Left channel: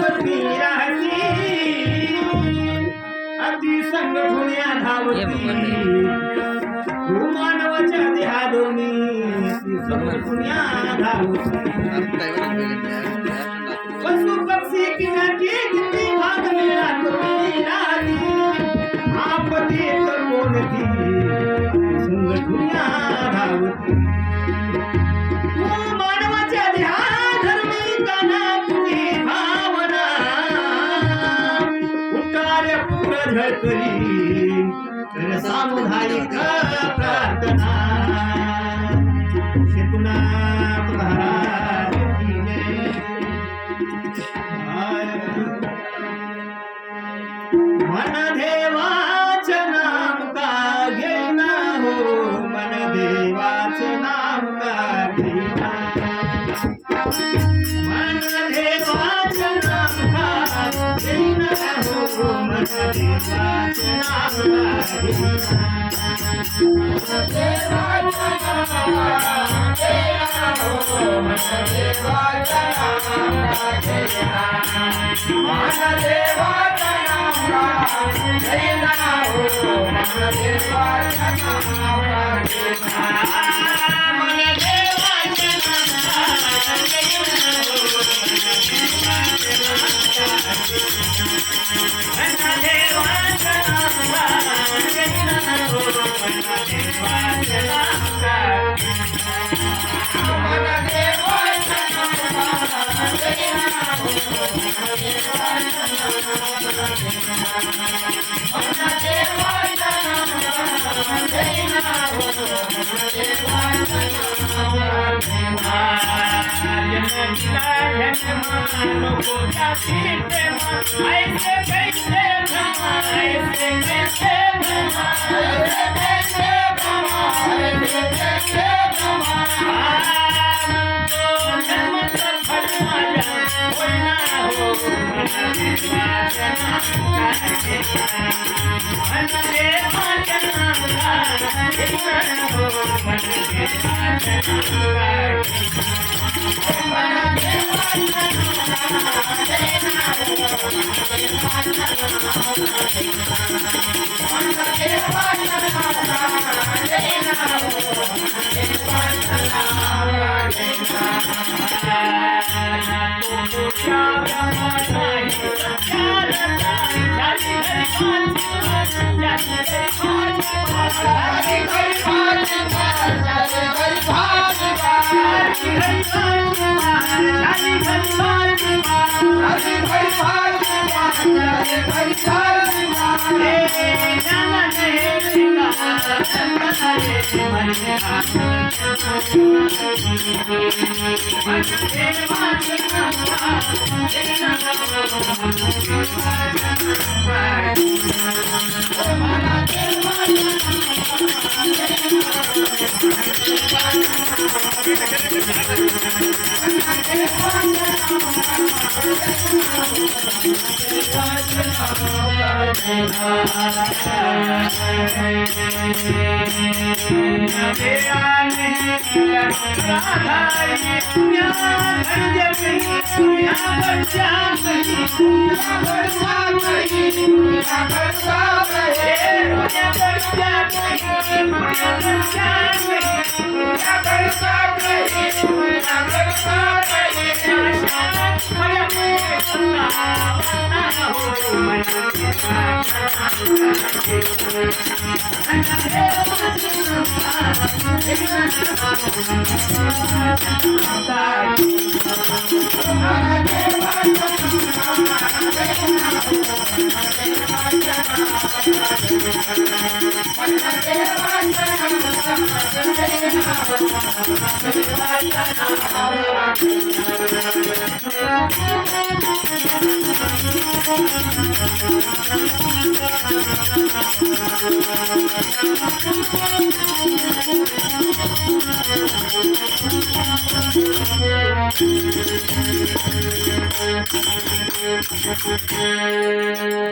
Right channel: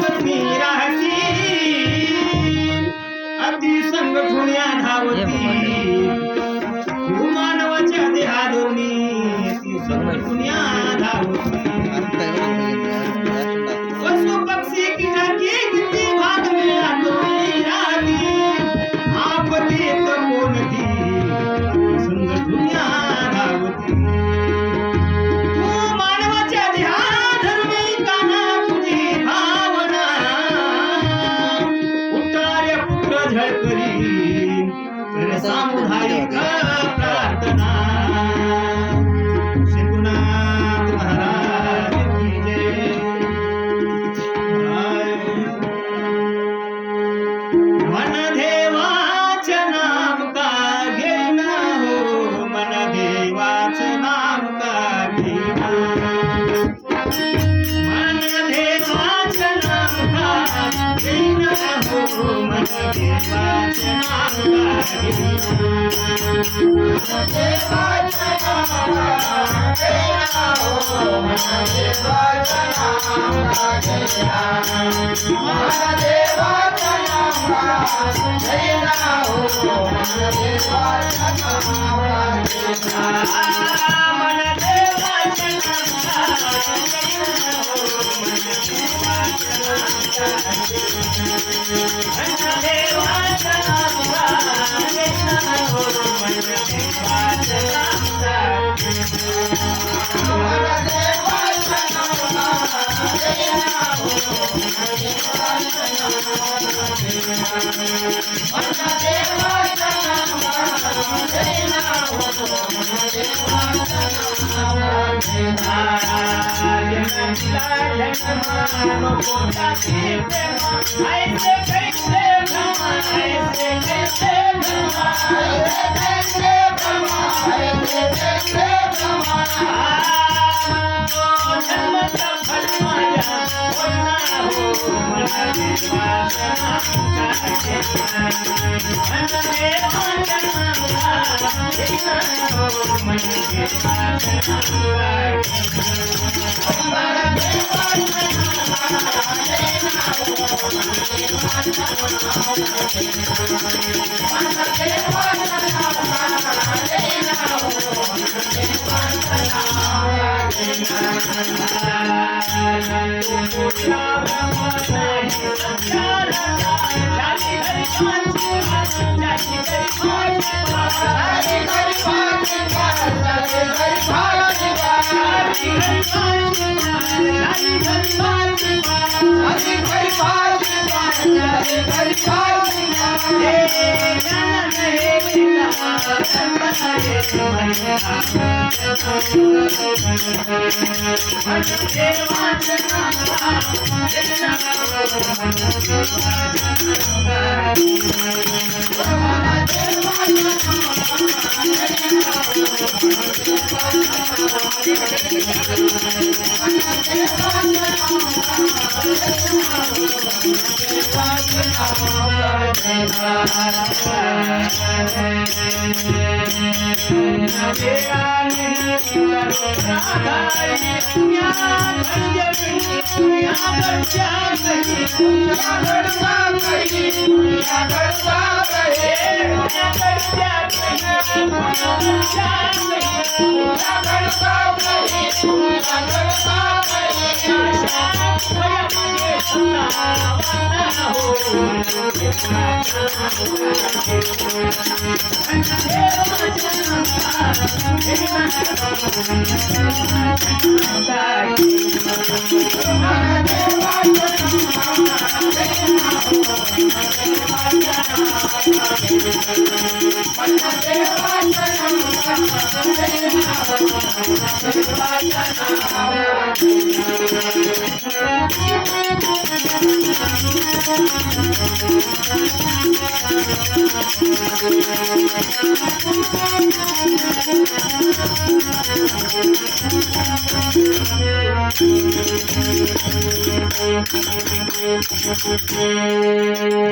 पत्नी राहती अगदी संगठुन्या धावती तू मानवाच्या देहादोनी ती संगठुन्या धावती पशु पक्षी कीटकी किती भाग मिळा तुम्ही राहती आपती तर कोणती संगठुन्या धावती तू मानवाच्या देहाधर्मी काना तुझी भावना उतारे पुत्र झळकरी तर सामुदायिक प्रार्थना शिवनाथ महाराज की जय मन देवाचं नाम का घेना हो मन देवाचं नाम का घेना मन देवाचं नाम का घेना हो मन देवाचं नाम का घेना देवाचं नाम घेना हो मन देवाचं नाम का घेना मन देवाचं नाम घेना हो मन देवाचं नाम घेना मन देवाचं नाम घेना हो मन देवाचं नाम घेना हो